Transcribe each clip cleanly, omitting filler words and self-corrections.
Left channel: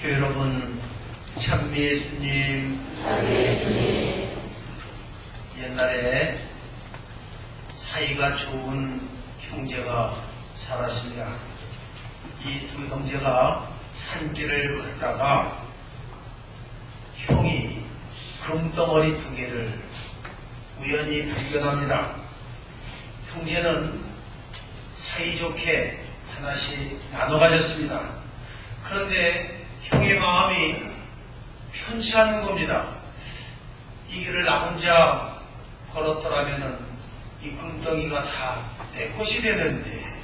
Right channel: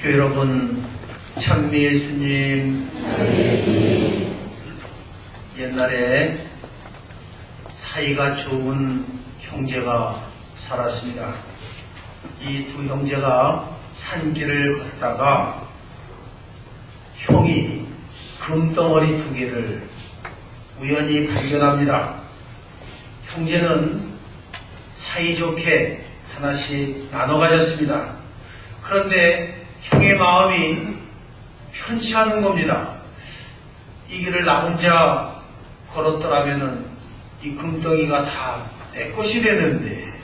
교회 여러분, 찬미 예수님, 옛날에 사이가 좋은 형제가 살았습니다. 이 두 형제가 산길을 걷다가 형이 금덩어리 두 개를 우연히 발견합니다. 형제는 사이좋게 하나씩 나눠 가졌습니다. 그런데 형의 마음이 편치 않은 겁니다. 이 길을 나 혼자 걸었더라면 이 금덩이가 다 내 것이 되는데,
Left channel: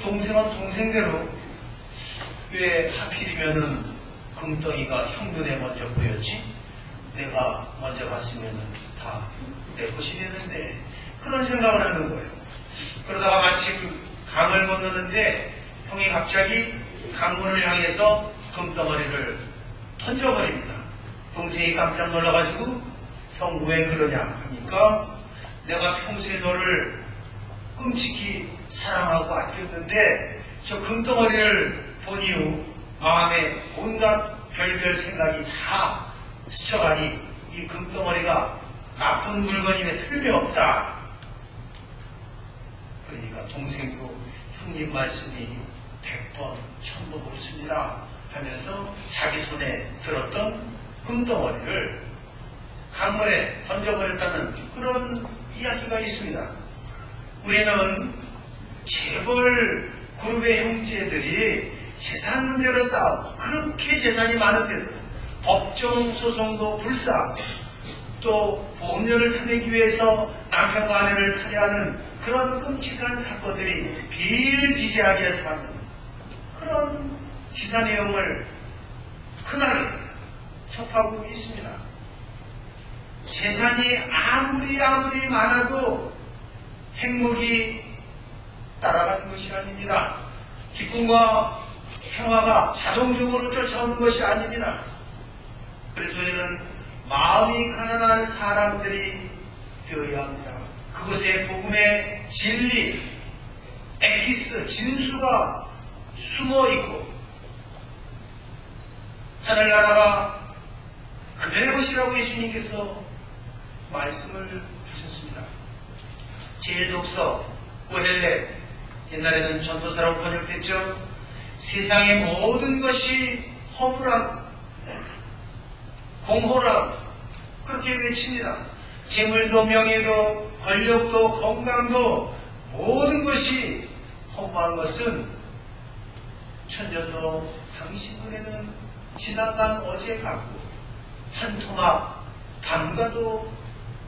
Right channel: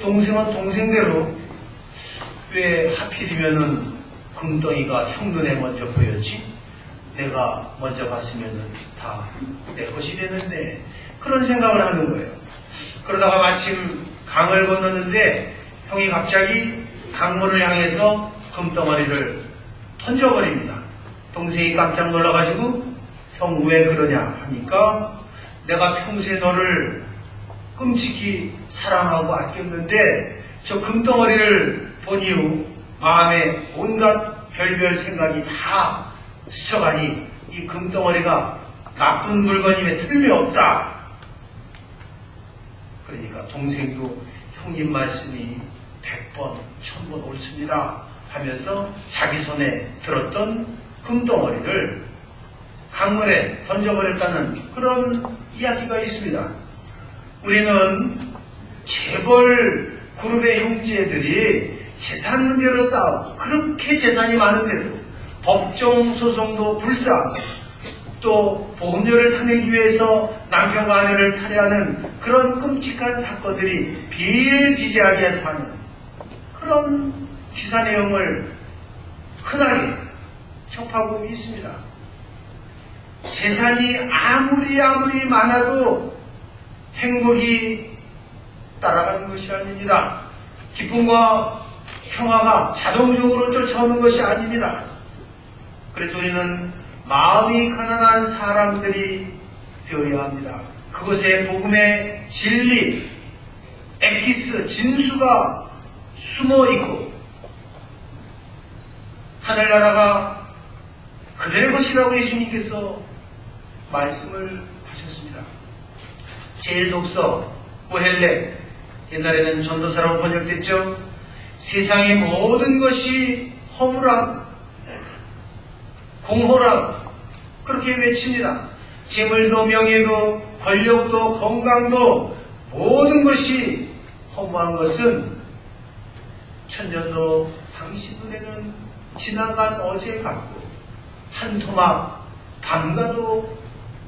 동생은 동생대로 왜 하필이면은 금덩이가 형 눈에 먼저 보였지? 내가 먼저 봤으면은 다 내 것이 되는데, 그런 생각을 하는 거예요. 그러다가 마침 강을 건너는데 형이 갑자기 강물을 향해서 금덩어리를 던져버립니다. 동생이 깜짝 놀라가지고 형 왜 그러냐 하니까 내가 평소에 너를 끔찍히 사랑하고 아꼈는데 저 금덩어리를 본 이후 마음에 온갖 별별 생각이 다 스쳐가니 이 금덩어리가 나쁜 물건임에 틀림없다. 그러니까 동생도 형님 말씀이 100번, 1000번 옳습니다 하면서 자기 손에 들었던 금덩어리를 강물에 던져버렸다는 그런 이야기가 있습니다. 우리는 재벌 그룹의 형제들이 재산 문제로 싸우고 그렇게 재산이 많은데도 법정 소송도 불사하고 또 보험료를 타내기 위해서 남편과 아내를 살해하는 그런 끔찍한 사건들이 비일비재하게 사는 그런 기사 내용을 흔하게 접하고 있습니다. 재산이 아무리 많아도 행복이 따라가는 것이 아닙니다. 기쁨과 평화가 자동적으로 쫓아오는 것이 아닙니다. 그래서 우리는 마음이 가난한 사람들이 되어야 합니다. 그것에 복음의 진리, 엑기스, 진수가 숨어 있고 하늘나라가 그들의 것이라고 예수님께서 말씀을 하셨습니다. 제1독서 고헬렛, 옛날에는 전도사라고 번역됐죠. 세상의 모든 것이 허무라, 공허라 그렇게 외칩니다. 재물도 명예도 권력도 건강도 모든 것이 허무한 것은 천년도 당신 눈에는 지나간 어제 같고 한 토막 밤과도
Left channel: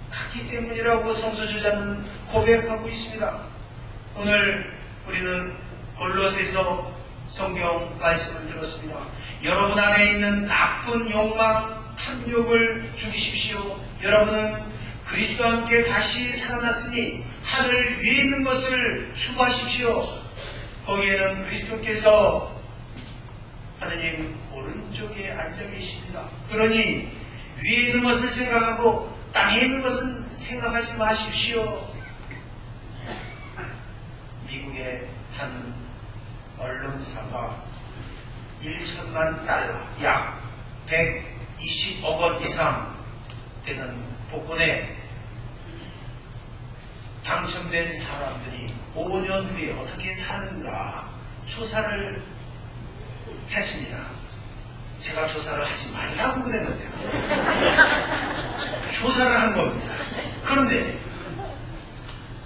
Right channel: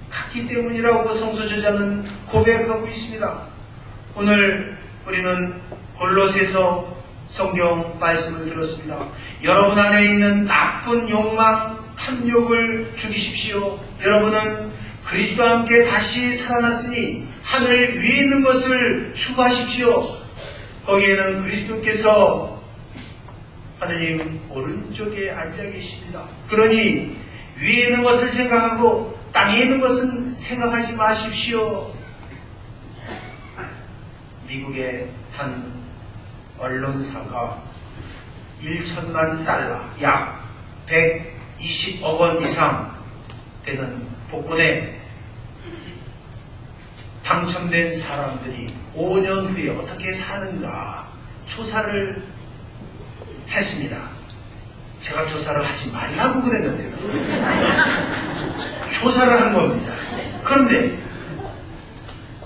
같기 때문이라고 성서 저자는 고백하고 있습니다. 오늘 우리는 골로새서 성경 말씀을 들었습니다. 여러분 안에 있는 나쁜 욕망, 탐욕을 죽이십시오. 여러분은 그리스도와 함께 다시 살아났으니 하늘 위에 있는 것을 추구하십시오. 거기에는 그리스도께서 하느님 오른쪽에 앉아 계십니다. 그러니 위에 있는 것을 생각하고 땅에 있는 것은 생각하지 마십시오. 미국의 한 언론사가 1천만 달러, 약 120억 원 이상 되는 복권에 당첨된 사람들이 5년 후에 어떻게 사는가 조사를 했습니다. 제가 조사를 하지 말라고 그랬는데도 조사를 한 겁니다. 그런데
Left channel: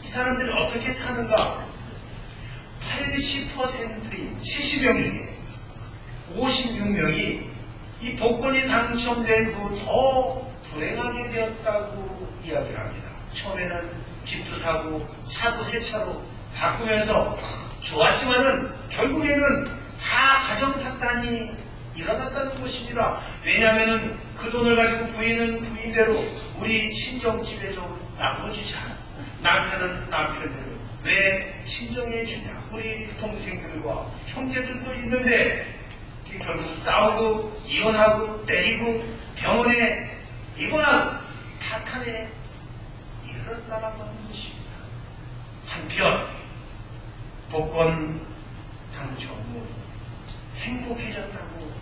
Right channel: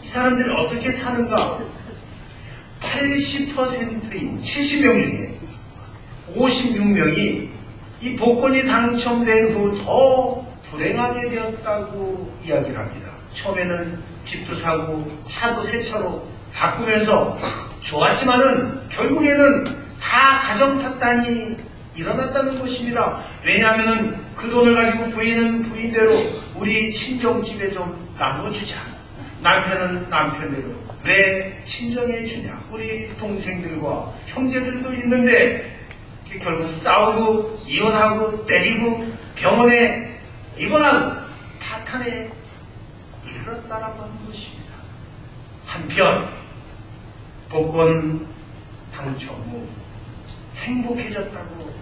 이 사람들이 어떻게 사는가? 80%인 70명 중에 56명이 이 복권이 당첨된 후 더 불행하게 되었다고 이야기를 합니다. 처음에는 집도 사고 차도 새 차로 바꾸면서 좋았지만은 결국에는 다 가정 파탄이 일어났다는 것입니다. 왜냐하면 그 돈을 가지고 부인은 부인대로 우리 친정집에 좀 나눠주자. 남편은 남편대로 왜 친정해 주냐. 우리 동생들과 형제들도 있는데 결국 싸우고 이혼하고 때리고 병원에 입원하고 파탄에 이르렀다라고 하는 것입니다. 한편 복권 당첨 후 행복해졌다고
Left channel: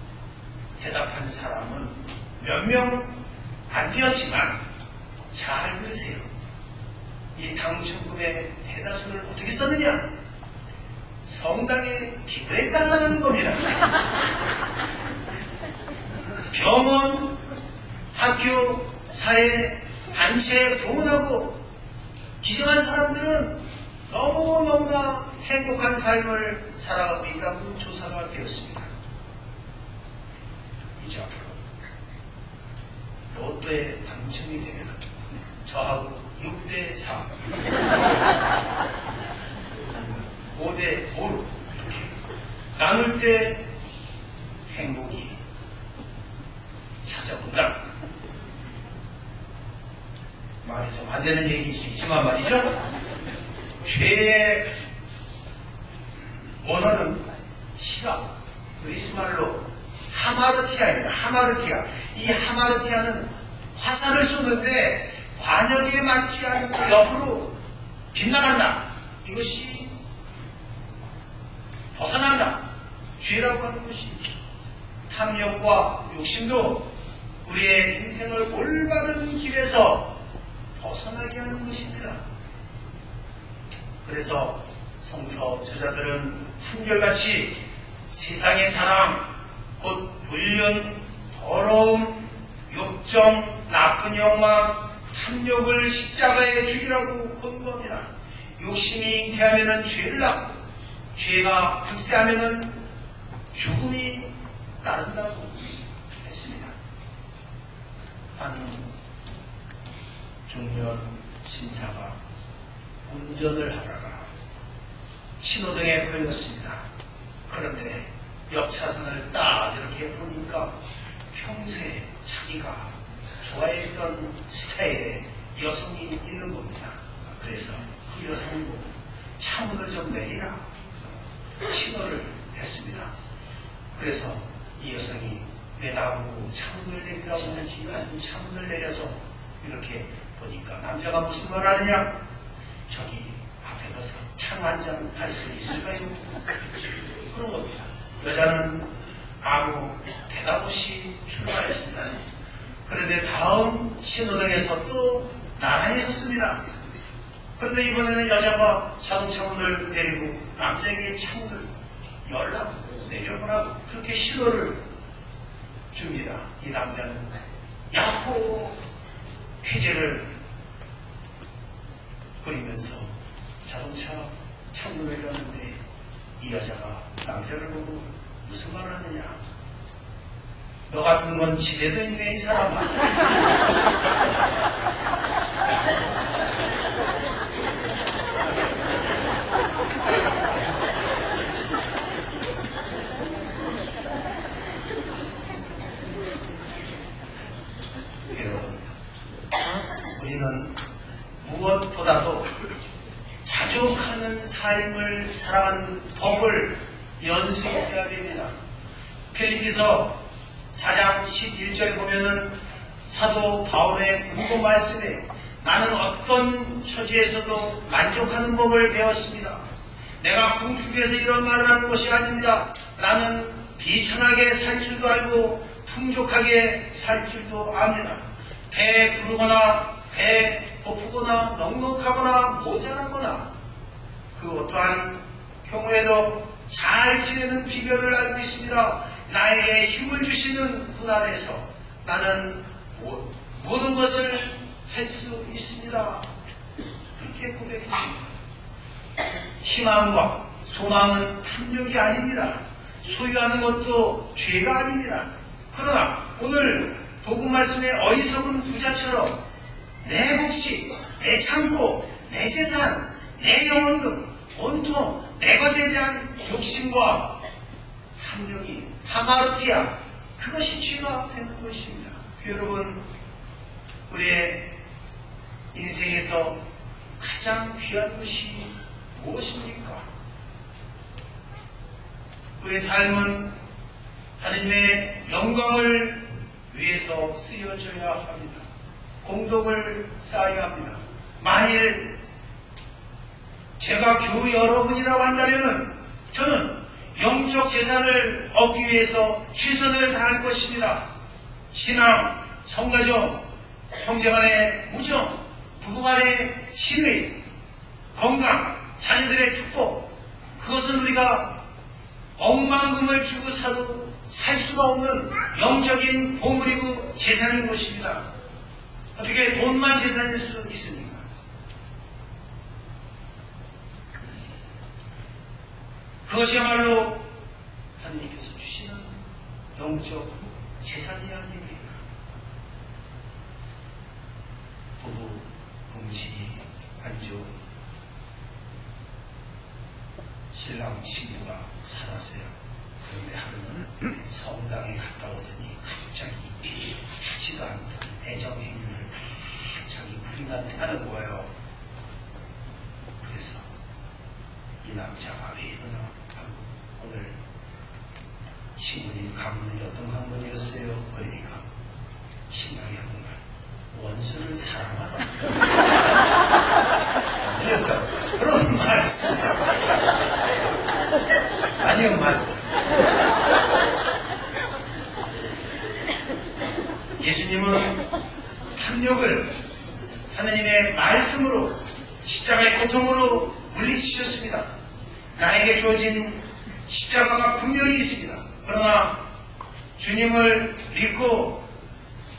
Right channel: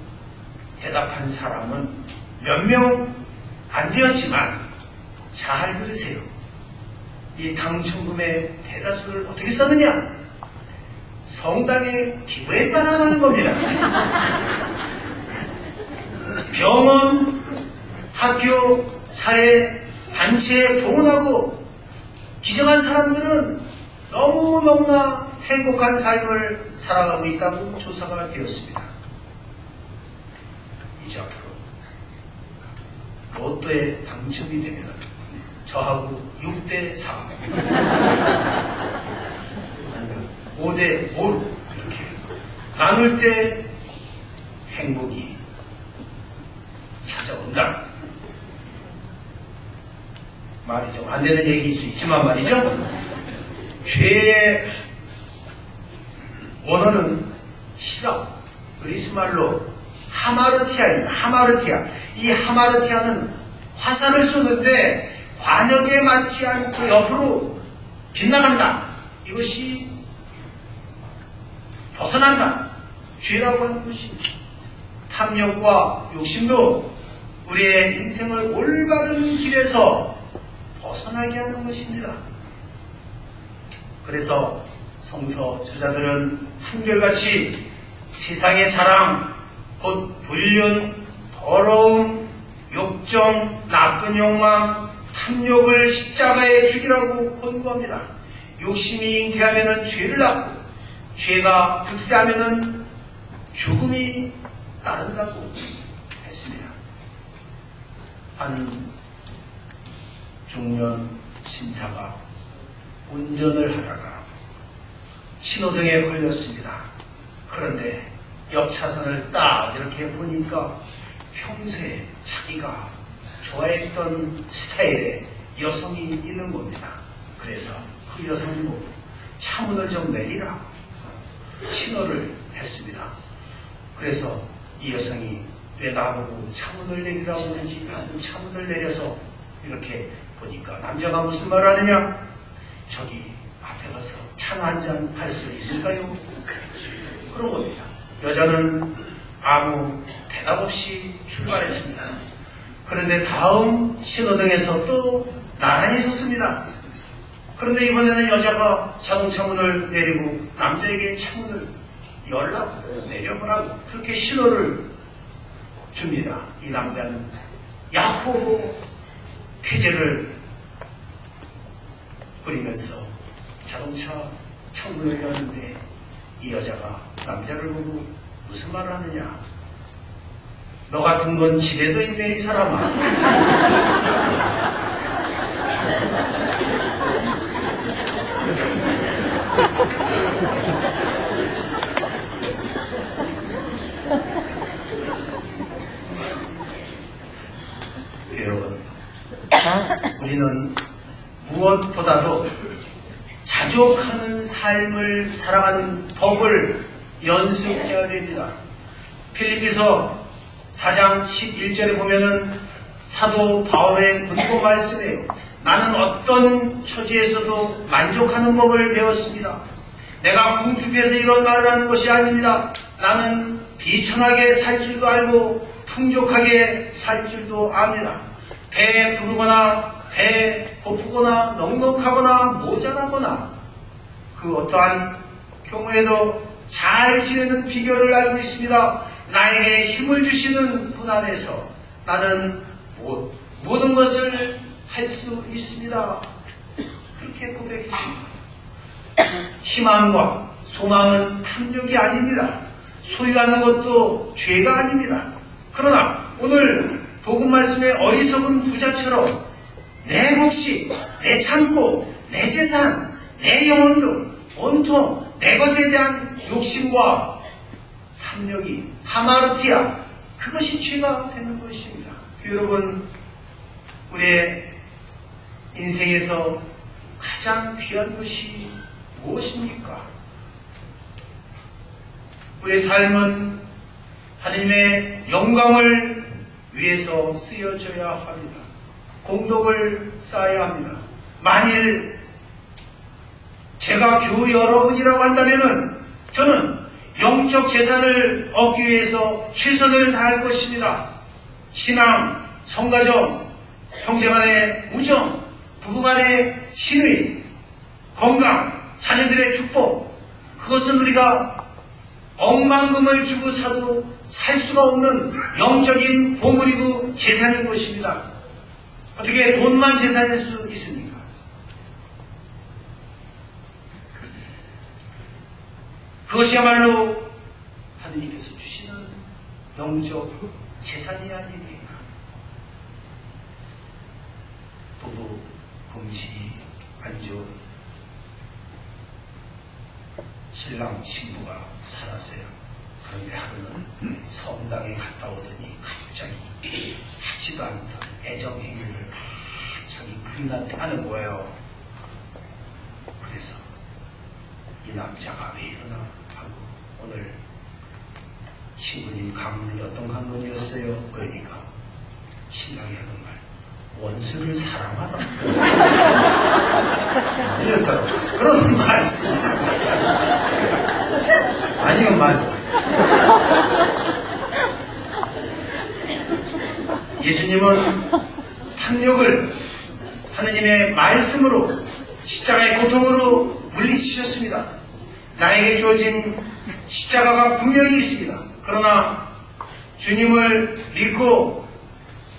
대답한 사람은 몇 명 안 되었지만 잘 들으세요. 이 당첨금의 대다수를 어떻게 썼느냐? 성당의 기부에 따라가는 겁니다. 병원, 학교, 사회, 단체에 봉헌하고 기증한 사람들은 너무너무나 행복한 삶을 살아가고 있다고 조사가 되었습니다. 이제 앞으로 로또에 당첨이 되면 저하고 6대4 아니면 5대5로 이렇게 나눌 때 행복이 찾아온다. 말이 좀 안 되는 얘기일 수 있지만 말이죠. 죄의 원어는 히라, 그리스 말로 하마르티아입니다. 하마르티아. 이 하마르티아는 화살을 쏘는데 관역에 맞지 않고 옆으로 빗나간다. 이것이 벗어난다. 죄라고 하는 것이 탐욕과 욕심도 우리의 인생을 올바른 길에서 벗어나게 하는 것입니다. 그래서 성서 저자들은 한결같이 세상의 자랑, 곧 불륜, 더러움, 욕정, 나쁜 욕망, 탐욕을 십자가에 죽이라고 권고합니다. 욕심이 잉태하면 죄를 낳고 죄가 득세하면 죽음이 따른다고 했습니다. 한 중년 신사가 운전을 하다가 신호등에 걸렸습니다. 그런데 옆 차선을 딱 이렇게 보니까 평소에 자기가 좋아했던 스타일의 여성이 있는 겁니다. 그래서 그 여성을 보고 차문을 좀 내리라 신호를 했습니다. 그래서 이 여성이 왜 나보고 차문을 내리라고 하는지 차문을 내려서 이렇게 보니까 남자가 무슨 말을 하느냐? 저기 앞에 가서 차나 한잔 할 수 있을까요? 그런 겁니다. 여자는 아무 대답 없이 출발했습니다. 그런데 다음 신호등에서 또 나란히 섰습니다. 그런데 이번에는 여자가 자동차 문을 내리고 남자에게 차문을 열라고 내려보라고 그렇게 신호를 줍니다. 이 남자는 야호 쾌재를 부리면서 자동차 창문을 여는데 이 여자가 남자를 보고 무슨 말을 하느냐? 너 같은 건 집에도 있네 이 사람아. 여러분, 우리는 무엇보다도 자족하는 삶을 살아가는 법을 연습해야 됩니다. 필리피서 4장 11절에 보면은 사도 바울의 권고 말씀에 나는 어떤 처지에서도 만족하는 법을 배웠습니다. 내가 궁핍해서 이런 말을 하는 것이 아닙니다. 나는 비천하게 살 줄도 알고 풍족하게 살 줄도 압니다. 배에 부르거나 배에 고프거나 넉넉하거나 모자라거나 그 어떠한 경우에도 잘 지내는 비결을 알고 있습니다. 나에게 힘을 주시는 분 안에서 나는 모든 것을 할 수 있습니다. 그렇게 고백했습니다. 희망과 소망은 탐욕이 아닙니다. 소유하는 것도 죄가 아닙니다. 그러나 오늘 복음 말씀의 어리석은 부자처럼 내 몫이, 내 창고, 내 재산, 내 영혼도 온통 내 것에 대한 욕심과 탐욕이 하마르티아 그것이 죄가 되는 것입니다. 여러분, 우리의 인생에서 가장 귀한 것이 무엇입니까? 우리의 삶은 하나님의 영광을 위해서 쓰여져야 합니다. 공덕을 쌓아야 합니다. 만일 제가 교회 여러분이라고 한다면은 저는 영적 재산을 얻기 위해서 최선을 다할 것입니다. 신앙, 성가정, 형제간의 우정, 부부간의 신의, 건강, 자녀들의 축복, 그것은 우리가 억만금을 주고 사도 살 수가 없는 영적인 보물이고 재산인 것입니다. 어떻게 돈만 재산일 수 있습니까? 그것이야말로 하느님께서 주시는 영적 재산이 아닙니까? 부부 금식이 안 좋은 신랑 신부가 살았어요. 그런데 하루는 성당에 갔다 오더니 갑자기 하지도 않던 애정행위를 갑자기 불이 나는 거예요. 그래서 이 남자가 왜 이러나 하고 오늘 신부님 강론이 어떤 강론이었어요? 그러니까 신랑이 하는 말, 원수를 사랑하라. 이랬다고 그런 말씀. 아니요 말고. 예수님은 탐욕을 하느님의 말씀으로 십자가의 고통으로 물리치셨습니다. 나에게 주어진 십자가가 분명히 있습니다. 그러나 주님을 믿고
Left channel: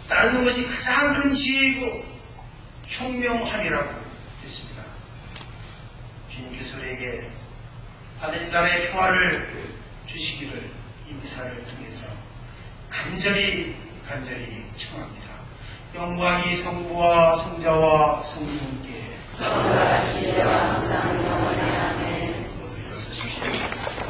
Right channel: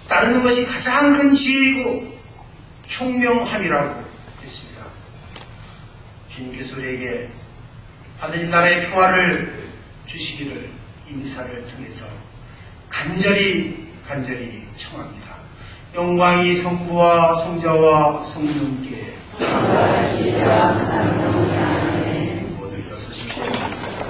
따르는 것이 가장 큰 지혜이고 총명함이라고 했습니다. 주님께서 우리에게 하느님 나라의 평화를 주시기를 이 미사를 통해서 간절히 청합니다. 영광이 성부와 성자와 성령께